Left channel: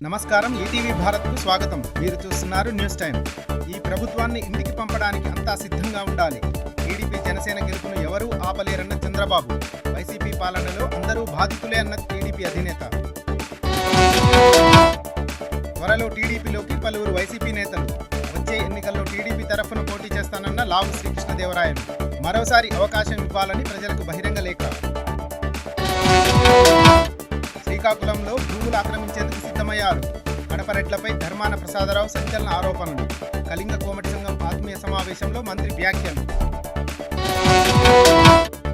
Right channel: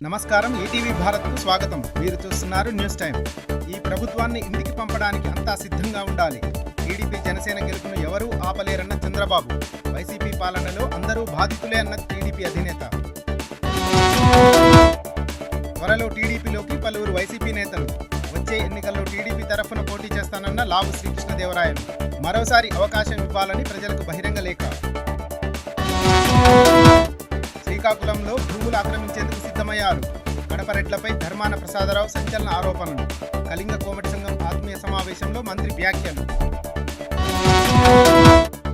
నమస్కారం. ఈటీవీ భారత్కు స్వాగతం. మీరు చూస్తున్నారు న్యూస్ టైం. ఈ ప్రభుత్వాన్ని ఇంటికి పంపడానికి అంతా సిద్ధంగా ఉండాలి. టీడీపీ జనసేన గెలుపును ఎవరూ ఆపలేరన్న చంద్రబాబు. వైసీపీ పాలనలో అందరూ బాధితులే అన్న టీడీపీ అధినేత. త్వరలో టీడీపీలోకి పలువురు వైసీపీ నేతలు. వచ్చే ఎన్నికల్లో టీడీపీ తరఫున పోటీ చేస్తానన్న లావు శ్రీకృష్ణదేవరాయలు. మరోసారి అవకాశం ఇవ్వాలని ప్రజలకు బహిరంగ లేఖ. శ్రీకాకుళంలో భూములు ఆక్రమించేందుకు సిద్ధమయ్యారు. కడపరెడ్లపై ధర్మాన ప్రసాదరావు సంచలన ఆరోపణలు. కళింగ కోమటి సంఘం ఆత్మీయ సమావేశంలో మంత్రి వ్యాఖ్యలు.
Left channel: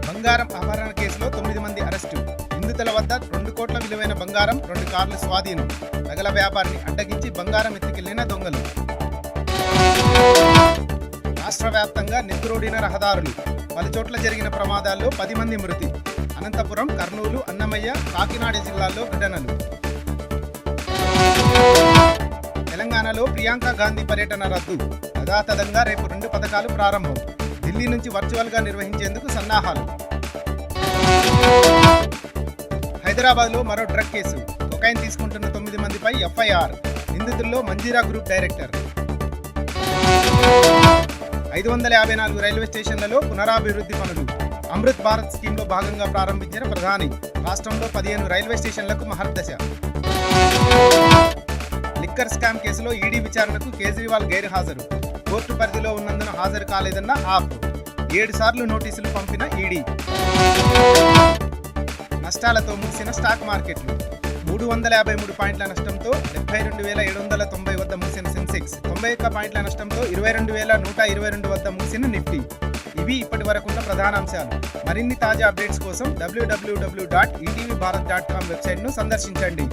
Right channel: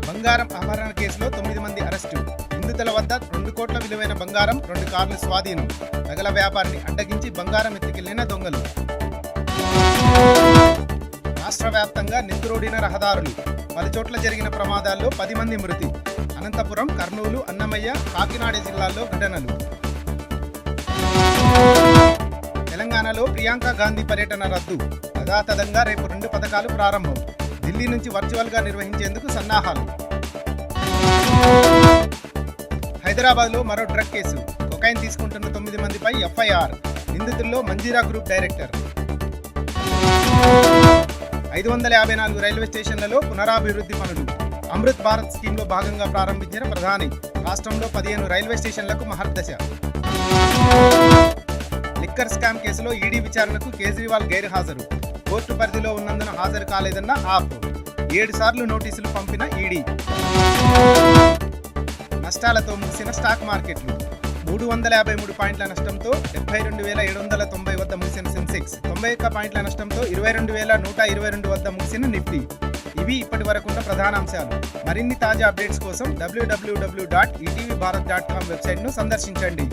బంగారం అపహరణ కేసులో 9 మంది అరెస్టు. నిందితుల వద్ద 2 కోట్ల విలువైన బంగారం, 2 కార్లు స్వాధీనం. నగల వ్యాపారిని అడ్డగించి బంగారం ఎత్తుకెళ్లిన దొంగలు. రాష్ట్ర వ్యాప్తంగా నెత్తురోడిన రహదారులు. పలుచోట్ల జరిగిన ప్రమాదాల్లో 10 మంది మృతి. అనంతపురం, కర్నూలు, అన్నమయ్య, కాకినాడ జిల్లాల్లో ఘటనలు. తెలంగాణలో ప్రియాంక గాంధీ పర్యటన రద్దు. యథాతథంగా రేపు 2 పథకాలు ప్రారంభం. ఢిల్లీ నుంచి వర్చువల్గా నిర్వహించేందుకు సన్నాహాలు. హైదరాబాద్లో మరో డ్రగ్ కేసు. కొకైన్ తీసుకుంటున్న 9 మందిపై ఎఫ్ఐఆర్. నిందితుల్లో మంజీరా గ్రూప్ డైరెక్టర్. 554 రైల్వే స్టేషన్లలో పునరాభివృద్ధి పనులు. అమృత్ భారత్ స్కీమ్లో భాగంగా ప్రారంభించిన ప్రధాని. రాష్ట్రంలో 15 రైల్వే స్టేషన్లకు మహర్దశ. లిక్కర్ స్కామ్ కేసులో ఈడీ విచారణకు కేజ్రీవాల్ గైర్హాజరు. కోర్టు పరిధిలో ఉన్నందున హాజరు కాలేదన్న ఆప్. 7 సార్లు నోటీసులు పంపిన ఈడీ. నష్టాలతో ముగిసిన స్టాక్ మార్కెట్లు. 353 పాయింట్ల నష్టంతో 72,790 వద్ద ముగిసిన సెన్సెక్స్. 91 పాయింట్ల నష్టంతో 22,122 వద్ద ముగిసిన నిఫ్టీ. ఇవి ఇప్పటి వరకున్న ప్రధానాంశాలు. మరిన్ని తాజా అప్డేట్స్ కోసం www.etvbharat.com వెబ్సైట్ను సందర్శించండి.